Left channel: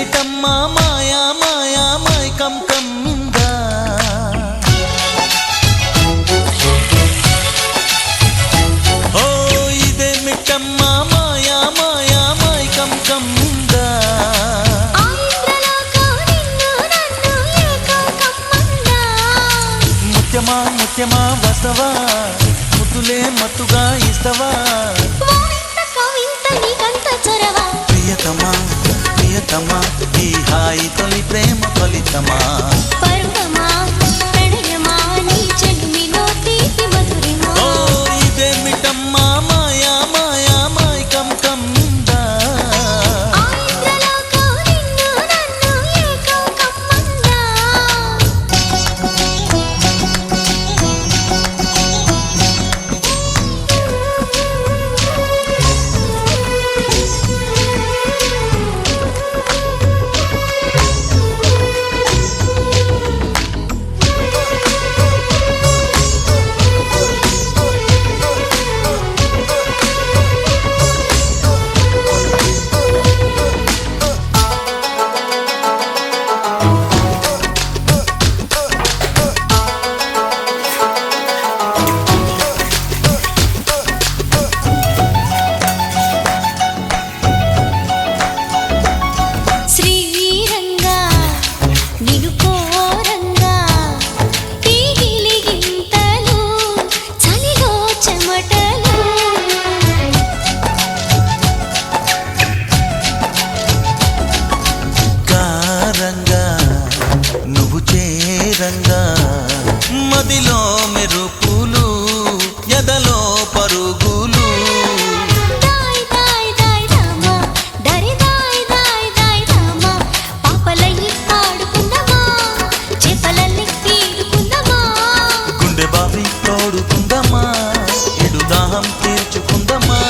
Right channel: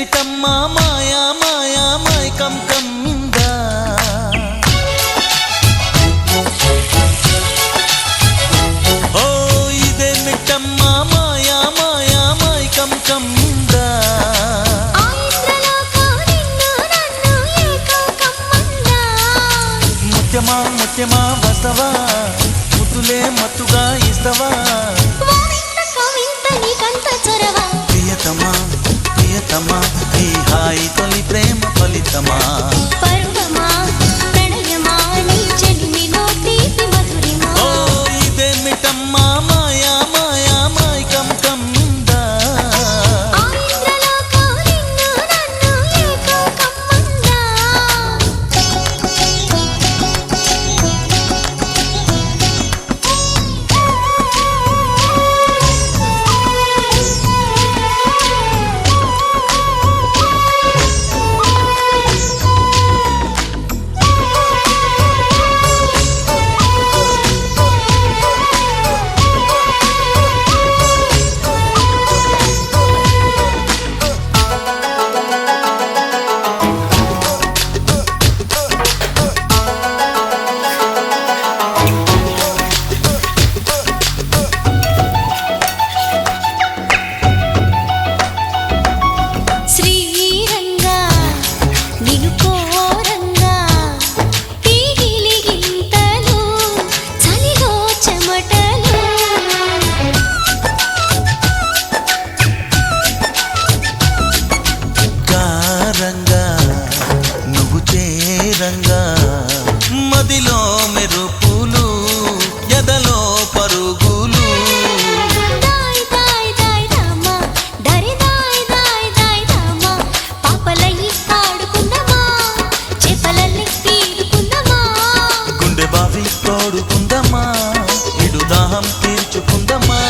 ఇదేమిటమ్మా మాయా మాయా మైకం కమ్మిందా ఓ ఇదేమిటమ్మా మాయా మాయా మైకం కమ్మిందా ముత్యమా ముత్యమా వస్తవా ముద్దులే మత్తుగా ఇస్తవా ప్రియతమా ప్రియతమా ఈ హాయి తొలి ప్రేమ ఫలితమా పరువమా ప్రణయమా నీ చెలిమిలో తీపి మధురిమా ఓ ఇదేమిటమ్మా మాయా మాయా మైకం కమ్మిందా రంగా నువ్వు చేరంగా మదిలో మెరుపులు ఎదలో పరుగులు గుండె బావి తోడుకుందమ్మా ఇడు దాహం తీర్చుకుందమ్మా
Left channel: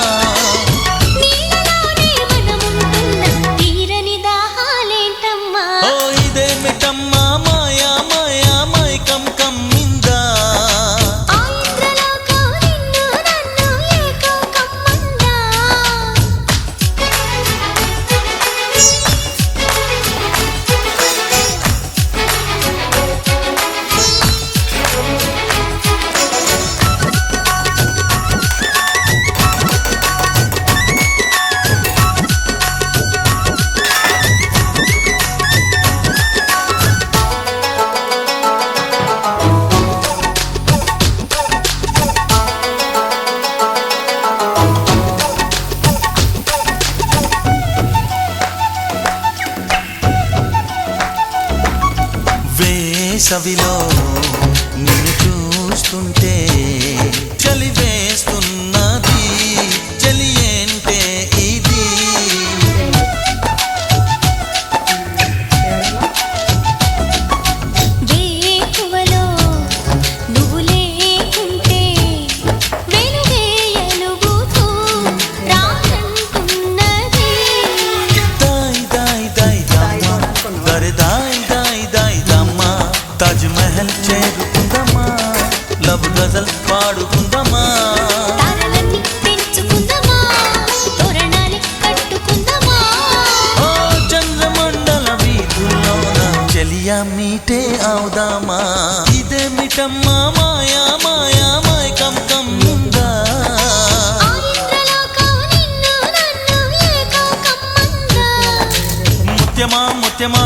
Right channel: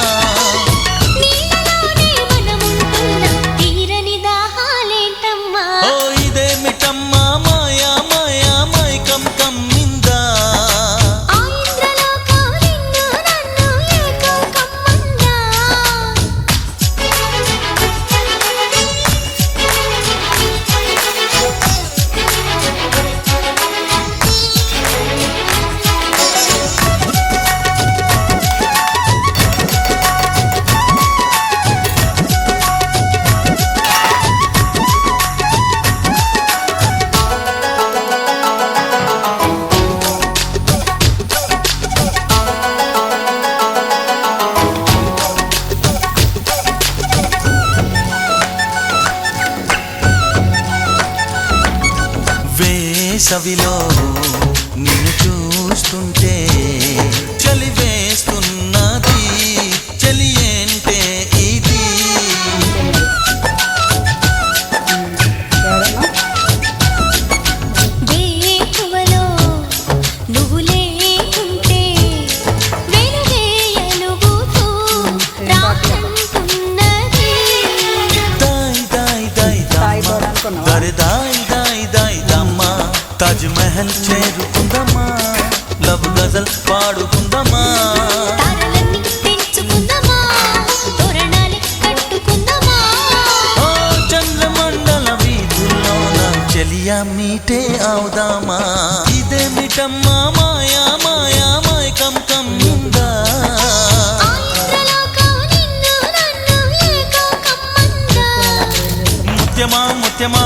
ఇదేమిటమ్మా మాయా మాయా మైకం కమ్మిందా వేసవిలో నిన్ను చూస్తుంటే చలి వేస్తున్నది చలి ఏంటే ఇది వేకువలో నువ్వు లేకుంటే వెలుగే ఎలుగుతూ రానంటున్నది దాయ్ దాయ్ దాయ్ దమ్మా దరే దాయ్ దాయ్ దాయ్ దమ్మా తాజ్ మహల్ చేరుకుందమ్మా లవ్ గజల్ పాడుకుందమ్మా తారలన్నీ పెంచుకుందమ్మా తోరణాలే కట్టుకుందమ్మా ఓ చంద్రమండల వీధుల్లోన చెలియా మీటే అవుదామా ఇదేమిటమ్మా మాయా మాయా మైకం కమ్మిందా ముత్యమా ముత్యమా